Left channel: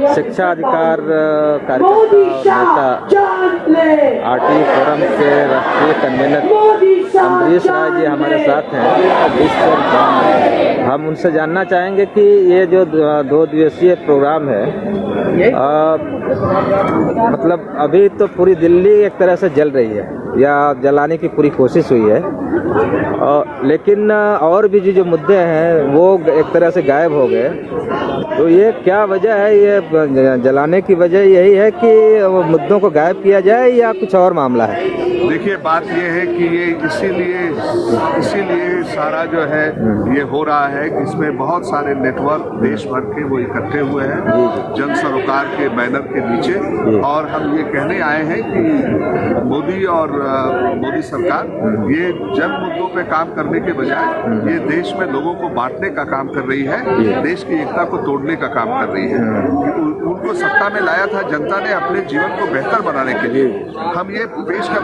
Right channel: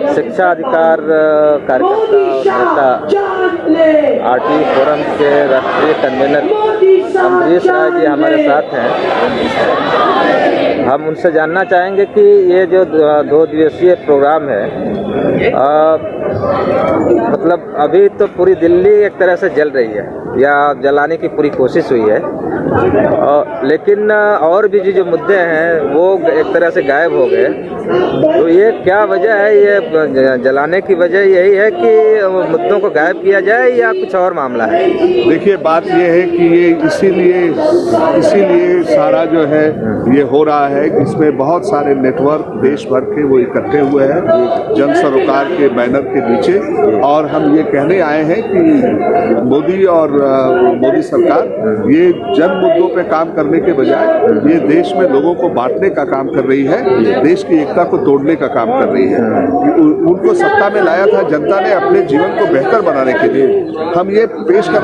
शिक्षा अधिकार कार्यकर्ता और नेता आरटी फोरम के राष्ट्रीय कन्वीनर अम्बरीश राय जी हमारे साथ हैं। हम उनसे जानना चाहेंगे कि ये जो 2 दिवसीय प्रोग्राम है, मतलब अभी तो पूरी दिल्ली एक तरह से जल रही है या जलाने की पूरी कोशिश हुई है, लेकिन और भी जो मुद्दे हैं वो एक तरह से गायब हो गए। तो ये क्या वजह है? ये जलाने की वजह यही है कि मुद्दों को गायब किया जाए या कुछ और मामला है? देखिए, बात ये है कि ये इसीलिए सारा जो है ये हो रहा है कि इसमें बहुत सारे नेटवर्क देश भर के वो इकट्ठे हुए हैं जन सरोकार के बैनर के नीचे, और हम ये कहने आए हैं कि मोदी और मोदी सरकार ये जन मुद्दों पे काम करने के बजाय ये देश में लोगों को बांटने का काम कर रही है, देश की एकता को तोड़ने का काम कर रही है। उनको सत्ता में लाया था जनता ने अपने जीवन को बेहतर बनाने के लिए। हम ये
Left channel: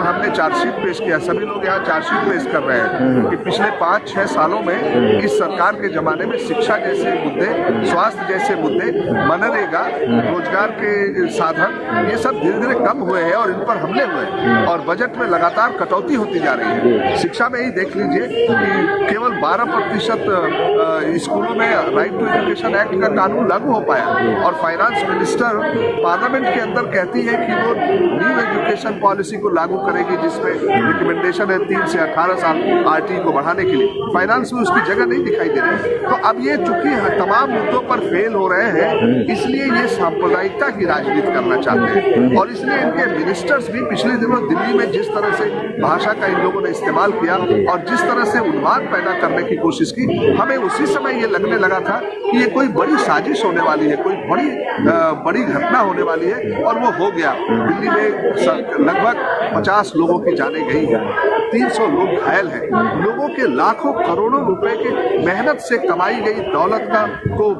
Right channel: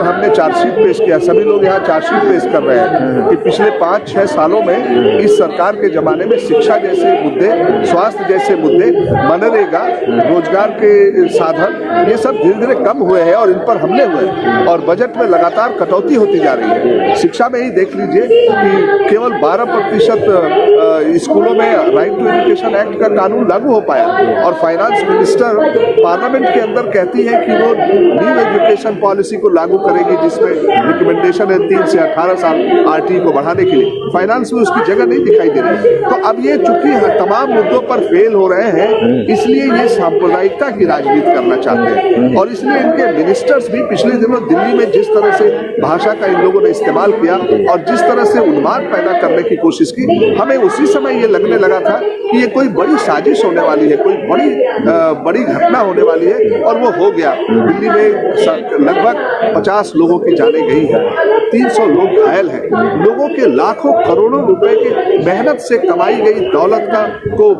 हमने चार्जशीट पेश किया, सभी लोग यहाँ चार्जशीट पेश कर रहे हैं कि पिछले 5-6 सालों में इस सरकार के जमाने में शिक्षा जैसे मुद्दे, स्वास्थ्य जैसे मुद्दे, मनरेगा, रोजगार के साधन, ये सब धीरे धीरे कम हुए हैं और इन पर हमले हुए हैं और बजट में लगातार कटौती होती जा रही है। शिक्षा में ही देख लीजिए कि केवल 12% स्कूलों में राइट टू एजुकेशन एक्ट का कानून लागू हो पाया, और फाइनेंस मिनिस्टर पार्लियामेंट के अंदर कहती है कि वो न्यू एजुकेशन पॉलिसी को लागू करेगी जिसमें रिकमेंडेशन है 3 से 18 साल आरटी को बढ़ाने के लिए। फाइनेंस में उसकी जगह नहीं दिखाई दे रही। तो अब ये चूंकि तमाम मुद्दों पर फेल हो रहे हैं, इसलिए ये सांप्रदायिकता की राजनीति करना चाहते हैं, और इसलिए इनके मिनिस्टर्स भी पिछले दिनों दिल्ली में जिस तरह से भाषा का इन लोगों ने इस्तेमाल किया और जिस तरह से उन्माद पैदा करने की कोशिश की, हमें उसी समय ये लगने लगा था कि ये कोई बड़ी साजिश होने वाली है, कोई बड़ी घटना होने वाली है, और वो हो गया। दिल्ली में लगभग 50 लोगों की जानें गई हैं, 300 लोग घायल हैं, लोगों के लाखों करोड़ों रुपए के मेहनत से कमाई गई दौलत को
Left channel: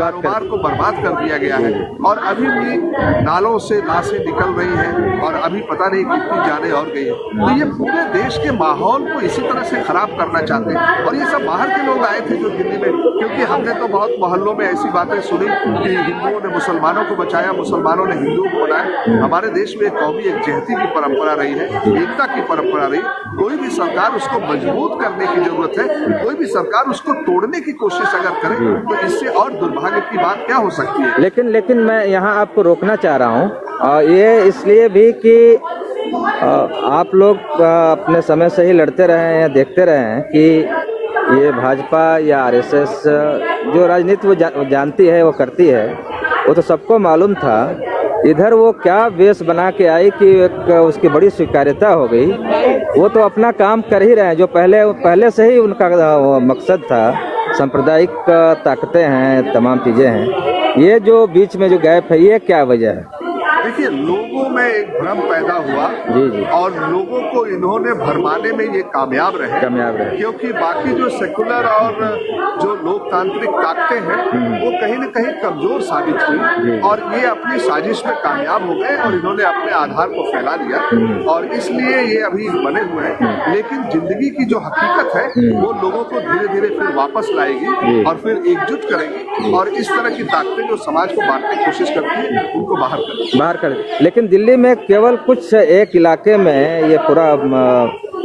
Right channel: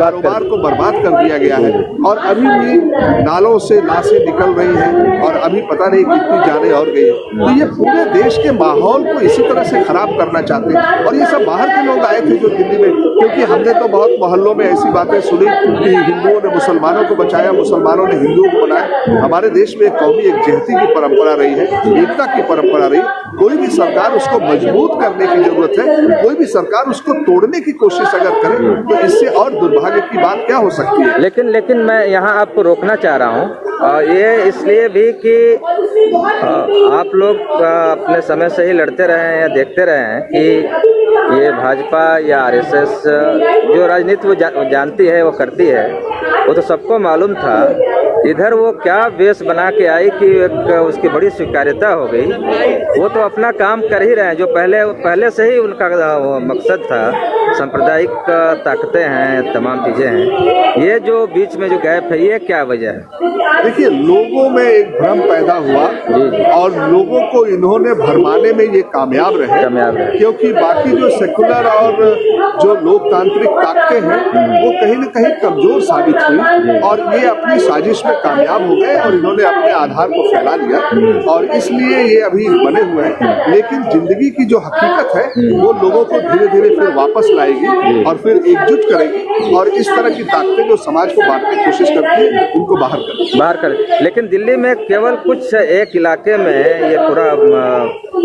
कारोबार को बर्बाद कर दिया गया है, और अभी भी नालों से लाशें निकल रही हैं और अभी पता नहीं कितनी जानें और गई। तो ये पूरे देश के माहौल को इसी तरह से खराब करना चाहते हैं, और ये सब बाहर के लोग आए थे जो दिल्ली में, क्योंकि हमने तो बहुत मोहल्लों में ऐसी बातें सुनी कि हिंदुओं ने मुसलमानों को बचाया, मुसलमानों ने हिंदुओं को बनाया। हमारे देश में कौमी एक जहती की परंपरा रही है, एकता की परंपरा रही। कोई भी सरकार उसको मजबूत करने की जरूरत है, कोई भी सरकार उसको तोड़ने की कोशिश अगर करे तो इससे और दुर्भाग्य की बात क्या हो सकती है। लेकिन मैं यहाँ आपको रोकना चाह रहा हूँ, ये इसलिए भी कि आप लोग अपने समय से ही लड़ते रहे हैं या देखते रहे हैं कि ये भाजपा या आरएसएस जो राजनीति वो जानती है, वो करती है, वो तो सबको मालूम था। इधर वो क्या वेश बना के आई कि उसकी बड़ी स्वीकार्यता हो गई। वो तो अपना काम कर ही रहे हैं, जो पहले से ही उनका मकसद था। सांप्रदायिक ताकतें हैं, तमाम चीज़ें हैं। ये जो बीच में जो गैप है, ये क्या वजह है? देखिए, लोगों में एक भ्रम पैदा हुआ जी। और लोगों को इन्होंने भरमाने में ये कामयाब रहे, क्योंकि बाकी जो सेकुलर और जो लोकतांत्रिक ताकतें हैं वो कहीं न कहीं कमजोर साबित हुई, और ये अपनी साजिश में कामयाब हो गए और इन्होंने अपने आधार को फैला दिया, और इसलिए ये अभी बने हुए हैं। लेकिन जिंदगी की जो हकीकत है वो लोगों को धीरे धीरे फिर वापस लाएगी और फिर एकजुट करेगी, और इस तरह की ताकतें जो समाज को बांटने की कोशिश करती है उनको बाहर कर। लेकिन दिल्ली में केवल कुछ एक इलाके में ये पूरा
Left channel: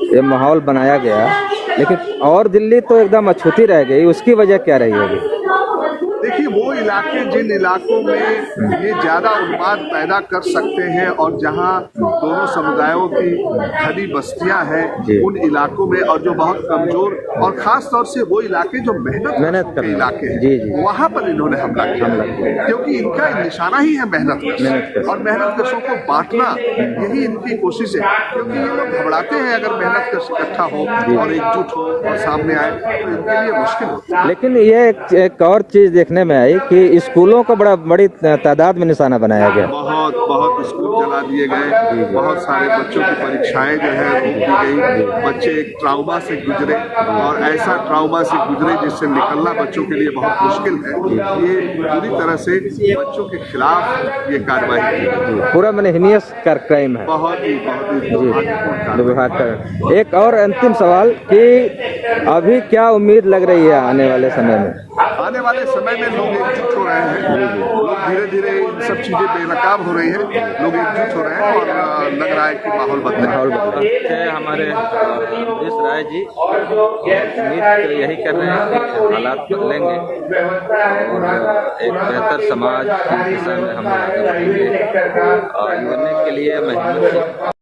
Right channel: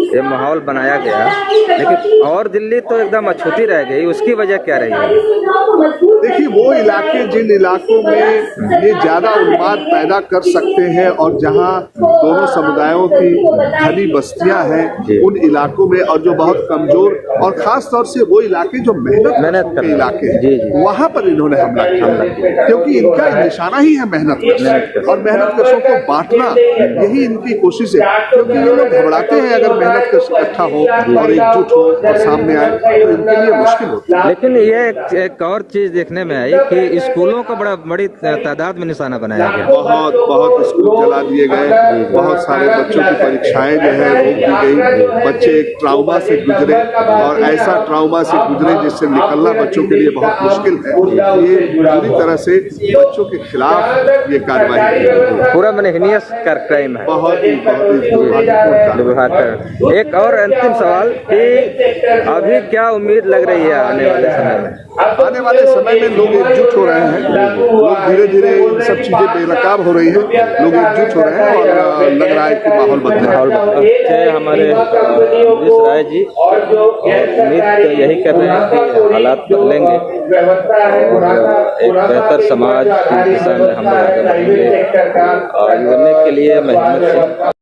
ये माहौल बनाया गया, लेकिन और दिल्ली तो एकदम अछूती रह गई। उसकी वजह क्या रही है? देखिए, वो इलाके जिन इलाकों में ये ज्यादा उन्माद पैदा कर सकते हैं और जहां दोनों समुदायों की घनी बस्तियां हैं, उन इलाकों में, और जो बहुत कमजोर और खास तौर से वो इलाके जो मेहनत के इलाके हैं, वहां पर इन्होंने हमला किया, क्योंकि इनका निशाना ही है मेहनत और मेहनतकशों को बांटना, यही इनकी कोशिश है। क्योंकि ये लोग घबराते हैं अगर मेहनतकश इकट्ठा हो और एकजुट हो और सामने आए तो इनके लिए मुश्किल होता है। लेकिन ये एक और चीज देखने में आई कि स्कूलों को बड़ी तादाद में निशाना बनाया गया। बहुत स्कूल जला दिए गए, बहुत सारे बच्चों की परीक्षाएं जो है रोक दी गई। बच्चे एक ट्राउमा से गुजरे, और ऐसा ट्राउमा से गुजरे जिससे निकलना बच्चों के लिए बहुत मुश्किल है। ये पूरी तरह से बच्चों के खिलाफ ये कार्रवाई की, पूरा हिनियस क्राइम है, बहुत ही दुर्भाग्यपूर्ण। एक और अंतिम सवाल कि अभी क्या उम्मीद लग रही है आने वाले समय में? आने वाले समय में लोग एकजुट हो रहे हैं, लोग धीरे धीरे इन सब चीजें बेनकाब हो रही है, लोग एकजुट हो रहे हैं और लग रहा है कि माहौल बदल रहा है। अच्छे हमारे अमरीश राय जी उम्मीद तो यही कर रहे हैं कि हालात बदलेंगे और एक बेहतर समाज की दिशा में हम लोग आगे बढ़ेंगे और यूनिक के लिए मैं हिम्मत सिंह